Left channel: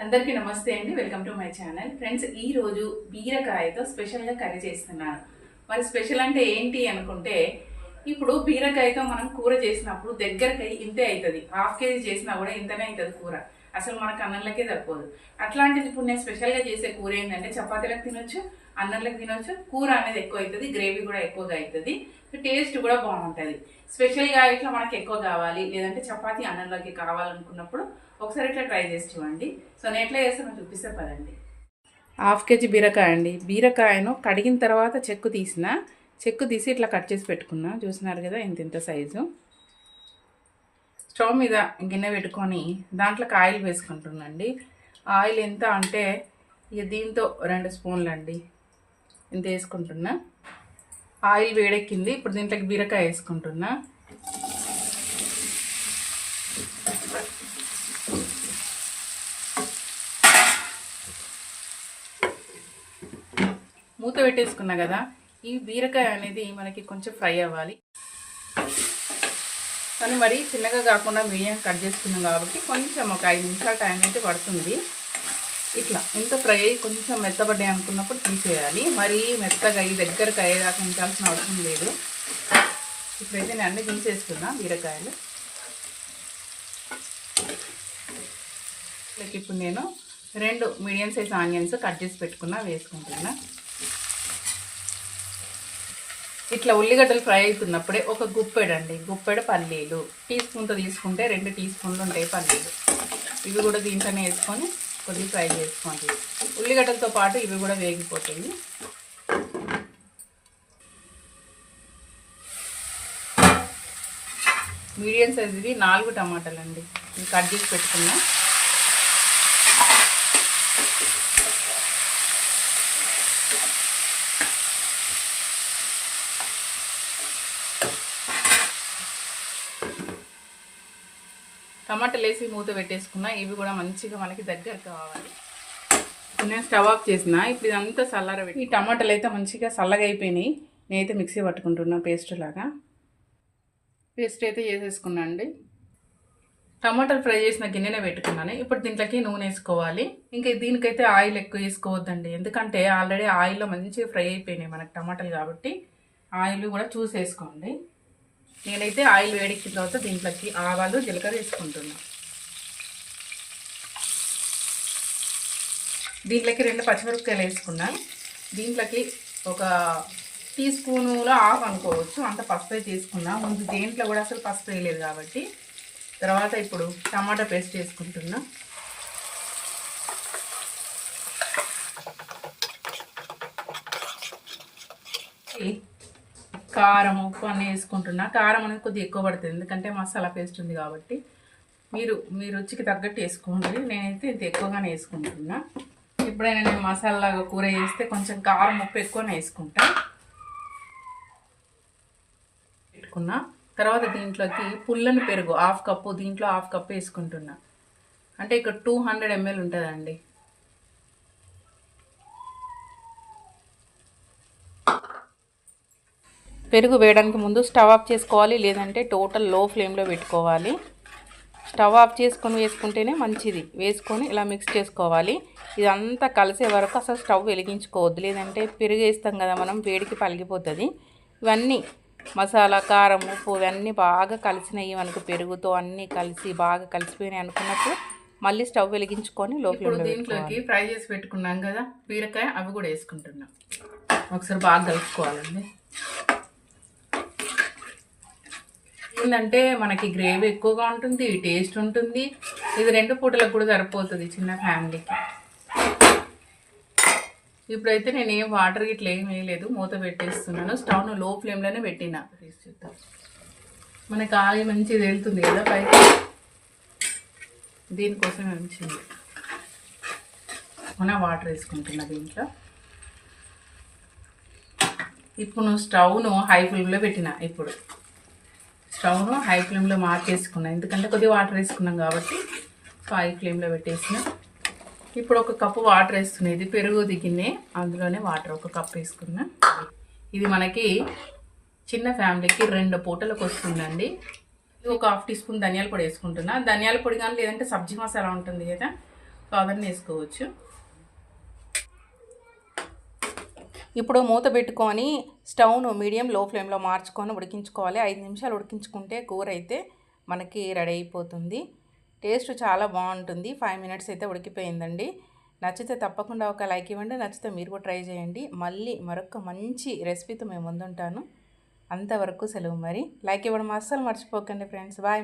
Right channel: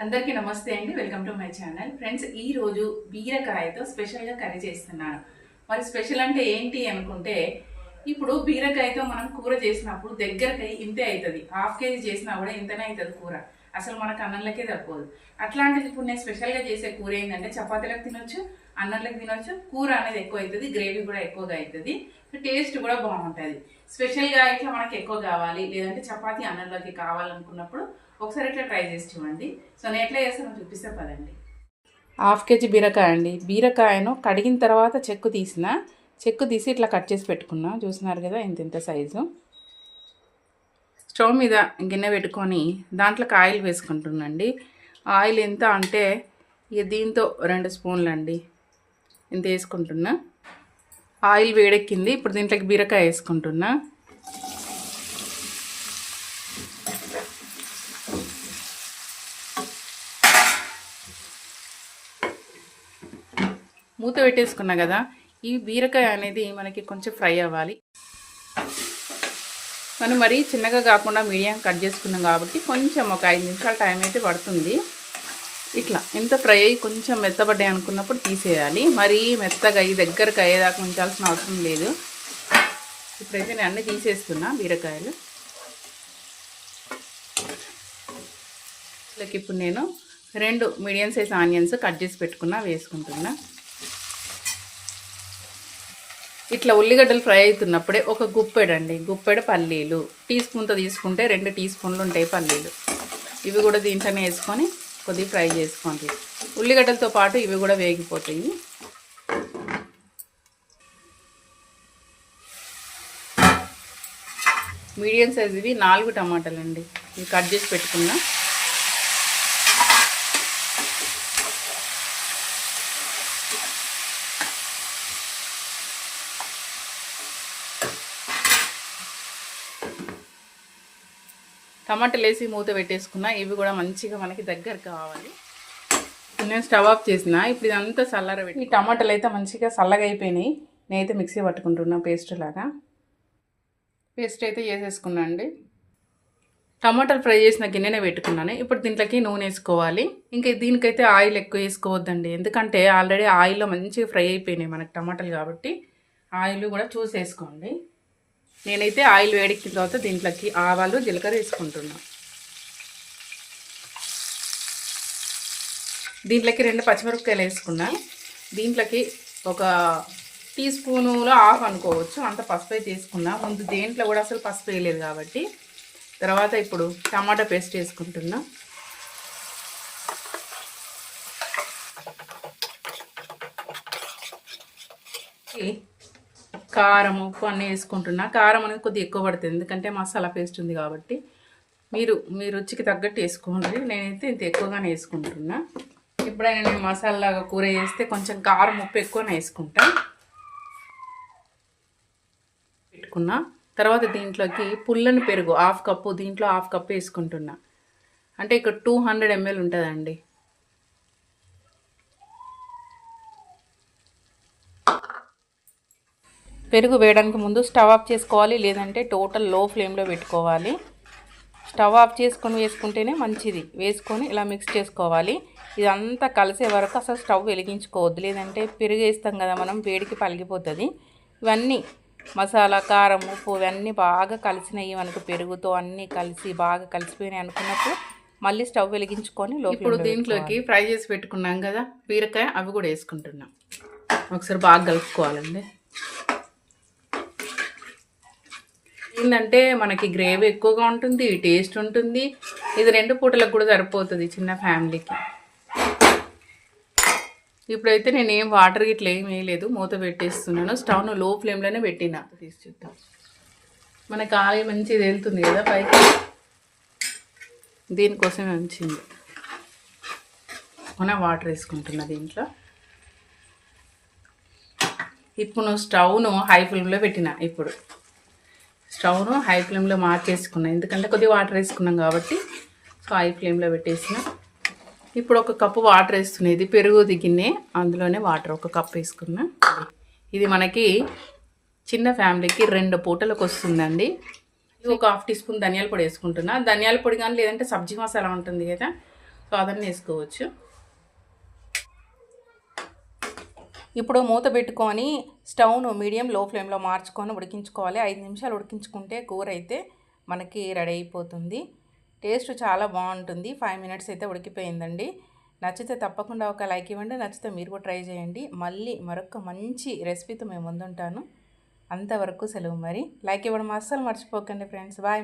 అందరికీ నమస్తే అండి. Welcome to my channel. Friends ఈ రోజు బీరకాయతో స్పెషల్గా కర్రీ చేస్తున్నాను మరి స్పెషల్ అంటే ఏంటి అనుకుంటే ఇప్పుడు బీరకాయతో మనం కూర చేసినప్పుడు దగ్గరకి ఇంతే అవుతుంది హాఫ్ కేజీ చేసినా కూడా ఇంతనే అవుతుంది కూర. అసలు మనకు అన్నంలకే తప్పదు అట్లాంటిది ఇప్పుడు నేను స్పెషల్గా చేసే కూర ఏంటంటే చపాతీలకు తినొచ్చు అన్నంలోకి తినవచ్చు కూర అనేది ఎక్కువ అవుతుంది గ్రేవీ కూడా ఎక్కువగా అవుతుంది టేస్ట్ కూడా బాగుంటుంది. స్పెషల్గా ఇట్లా మనకి ఎక్కువ కావాలి లేదంటే చపాతి అన్నంలోకి కావాలనుకున్నప్పుడు ఒకసారి ఇట్లా ట్రై చేసి చూడండి. సో నేను ఎట్లా చేస్తానో చూపిస్తే పదండి. హాఫ్ కేజీ బీరకాయ అండి. బీరకాయను కడిగిన తర్వాత చెక్కు తీసిన చెక్కు తీసి ఇట్లా కట్ చేసి పెట్టుకున్నా. చూసినారు కదా ఇంత ఇంత సైజు. స్టవ్ మీద గిన్నె పెట్టుకొని దాంట్లోకి ఆయిల్ వేసుకుంటున్నాండి ఆయిల్ ఎంత అంటే ఇక దీంతో రెండు స్పూన్లు అండి ఇంత వేసుకుంటున్నా. ఆయిల్ వేడెక్కింది. ఇప్పుడు దీంట్లోకి బీరకాయ వేసుకుంటున్నా. మూత పెట్టేసుకున్నా కదా ఈ బీరకాయ అనేది మనకి కొంచెం ఫ్రై అవ్వాలి. మనం మరీ చిన్నగా కాకుండా మీడియం కట్ చేసుకున్నాం కాబట్టి కొంచెం ఒక ఐదు నిమిషాల టైం అయితే పడుతుంది. ఇట్లా ఎంత ఫ్రై అయ్యి కొంచెం మెత్తబడ్డాయి అనుకున్నప్పుడు తీసేయాలి. మరీ మెత్తగా అయ్యి దగ్గరకు అయ్యేదాకా ఉంచాల్సిన అవసరం లేదు. ఇప్పుడైతే నేను అన్నీ తీసేసుకున్నా బీరకాయలు. వీళ్ళకి ఇప్పుడు నేను రెండు మీడియం సైజ్ ఆనియన్స్ కట్ చేసి పెట్టుకున్నా వేసుకుంటున్నా. ఇట్లా ఉల్లిగడ్డలు ఫ్రై అవుతున్నప్పుడే ఒక గుప్పెడండి. గుప్పెడు పల్లీలు. టీ స్పూన్తో తీసుకుంటే రెండు టీ స్పూన్లు ఉంటాయి పల్లీలు. ఇవి కూడా దీంట్లోనే వేసుకొని కొద్దిగా ఫ్రై చేసుకోండి. ఉల్లిగడ్డలతో పాటు ఇవి కూడా వేగిపోతాయి. మీడియం సైజ్ ఇవి నాలుగు టమాటాలండి. ఇవి కట్ చేసి పెట్టుకున్నా. టమాటాలు వేసి మూత పెట్టేసుకున్నా ఇవి కూడా మంచిగా మనకి దగ్గర కావాలి. నేను స్టవ్ ఆఫ్ చేసిన ఇప్పుడు ఇదంతా చల్లర పెట్టి. ఈ టమాటాలు అయితే మంచిగా చల్లగా అయిపోయినాయి. నేనైతే మిక్సీ పట్టుకుంటున్నా పేస్ట్ లాగా. పేస్ట్ అయితే చేసేసుకున్నా అండి. టమాటాలు ఫ్రై చేసిన గిన్నెనే పెట్టుకున్నాను. ఇప్పుడు దీంట్లోకి నూనె వేసుకోవాలి. ఇంకా దీనికైతే ఆయిల్ ఎక్కువ వేసుకోవద్దండి. ఎందుకంటే ఆల్రెడీ ఆయిల్లో మంచిగా ఫ్రై అయిపోయినాయి మనకి టమాటాలు కాబట్టి. ఆయిల్ కూడా చూసేసుకోండి. నేనైతే ఆయిల్ వేడెక్కిన తర్వాత దీంట్లోకి ఆవాలు జీలకర్ర వేసుకుంటున్నాను దీంట్లోకి రెండు పచ్చిమిరపకాయలు వేసుకున్నా. దీంట్లోకి ఒక టీ స్పూనులో ఆఫ్ అనుకోవచ్చు. అంత పసుపు అయితే తీసుకున్నా ముందు దేంట్లో కూడా అసలు పసుపు వేయలేదు కాబట్టి. తర్వాత ఇప్పుడు టమాటా పేస్ట్ వేసుకుంటున్నా. కారం ఉప్పు అన్నీ వేసుకుంటున్నా. కారం అనేది కొద్దిగా ఎక్కువ పడుతుంది. ఎందుకంటే మసాలా పేస్ట్ ఉంది కాబట్టి. మీరు మీ రుచికి తగ్గట్టు వేసుకోండి. నేనైతే ఇంత ఎక్కువగానే వేసుకుంటున్నా. ఎప్పుడైనా నేను మసాలాగా కూర చేస్తే కొంచెం కారం ఉప్పు ఎక్కువనే వేసుకుంటా. పెట్టుకున్నా. తర్వాత దీంట్లోకి పుల్లని పెరుగు హాఫ్ కప్పు దీంట్లో హాఫ్ కప్పు వేసుకుంటున్నా. అంటే ఇక్కడ టూ హండ్రెడ్ ఎంఎల్ ఉంటుందండి. పెరుగు వేయడానికి ముందు స్టవ్ ఆఫ్ చేసుకోవాలి లేదంటే టోటల్లో ఫ్లేమ్లో పెట్టుకోవాలి. స్టవ్ ఆఫ్ చేసుకొని వేసుకుంటేనే మంచిది. వేసుకొని ఇలా మిక్స్ చేసుకోవాలి. ఇదంతా కలిసే వరకు అసలు స్టవ్ వెలిగించుకోవద్దు. లేదంటే పెరుగు వేస్తాం కదా మనం వేడికి పలిగిపోతుంది ఇవన్నీ మసాలా కారం ఉప్పు ఇవన్నీ బాగా కలిసినాయి మనకు పెరుగుతో అన్నీ కలిసి బాగా కలిసిపోయినాయి అనుకున్నప్పుడు మళ్ళీ స్టవ్ వెలిగించుకొని లో ఫ్లేమ్లో దీంట్లోకి ఫ్రై చేసి పెట్టుకున్నాం కదా బీరకాయ అవి కూడా వేసుకుంటున్నాం. ఒకసారి బాగా కలుపుకోవాలండి. ఏంటంటే మనకి గ్రేవీ ఎక్కువగా ఉంటుంది టేస్ట్ ఉంటుంది. ఇది రెండు పూటలకు కూడా సరిపోతుంది చిన్న ఫ్యామిలీకి. ఇప్పుడైతే నేను ఏం వాటర్ ఇట్లా ఏం వేయలేదు మూత పెట్టేస్తున్నాను. స్టవ్ను లో ఫ్లేమ్లోనే పెట్టిన. తీసి చూద్దాం. మనకి ఆగి మంచిది వెళ్తుంది కదా పైకి? దీనికోసం మంచిది మన వాటర్ వేసుకుంటున్నా దీంట్లో. ఇప్పుడు నువ్వు స్టవ్ను హై ఫ్లేమ్లో పెట్టిన ఇప్పుడు. స్టవ్ను హై ఫ్లేమ్లో మార్చేసుకున్నాను ఎందుకంటే కొద్దిగా వాటర్ వేసుకున్నాం కాబట్టి సో హై ఫ్లేమ్లో పెట్టేసిన. ఇప్పుడు ఒక కప్పు వాటర్ వేస్తున్నాయి ఇది పెరుగు దిగినే అందులోనే వాటర్ ఒక కప్ వేసుకున్నా. ఇది మనకి చిన్న ఫ్యామిలీకి రెండు పూటలకు వస్తుందండి. ఒక హాఫ్ టీ స్పూన్ ధనియాల పొడి వేసుకుంటున్నా. ధనియాల పొడి కానీ లేదంటే సబ్జీ మసాలా ఉంటుంది కదా సాధారణ వేసుకోవచ్చు. ఇప్పుడు మూత పెట్టుకొని స్టవ్ను మీడియం లో ఫ్లేమ్లో మార్చుకొని ఉడికించుకోవాలి. ఐదు నిమిషాలు ఉడికించుకుంటే కూర అయితే మనకి రెడీ అయిపోతుంది. టేస్ట్ చాలా బాగుంటుంది. ఫైవ్ మినిట్స్ అయితే ఉడికిపోయిందండి. నచ్చితే తప్పకుండా ఒక లైక్ ఇవ్వండి. నచ్చితే మీరు కూడా ట్రై చేయండి. మళ్ళీ మరొక మంచి రెసిపీతో మేము ముందుంటాను. అంతవరకు సెలవు మరి. లైక్ ఇవ్వడం అస్సలు మర్చిపోకండి ఫ్రెండ్స్. బాయ్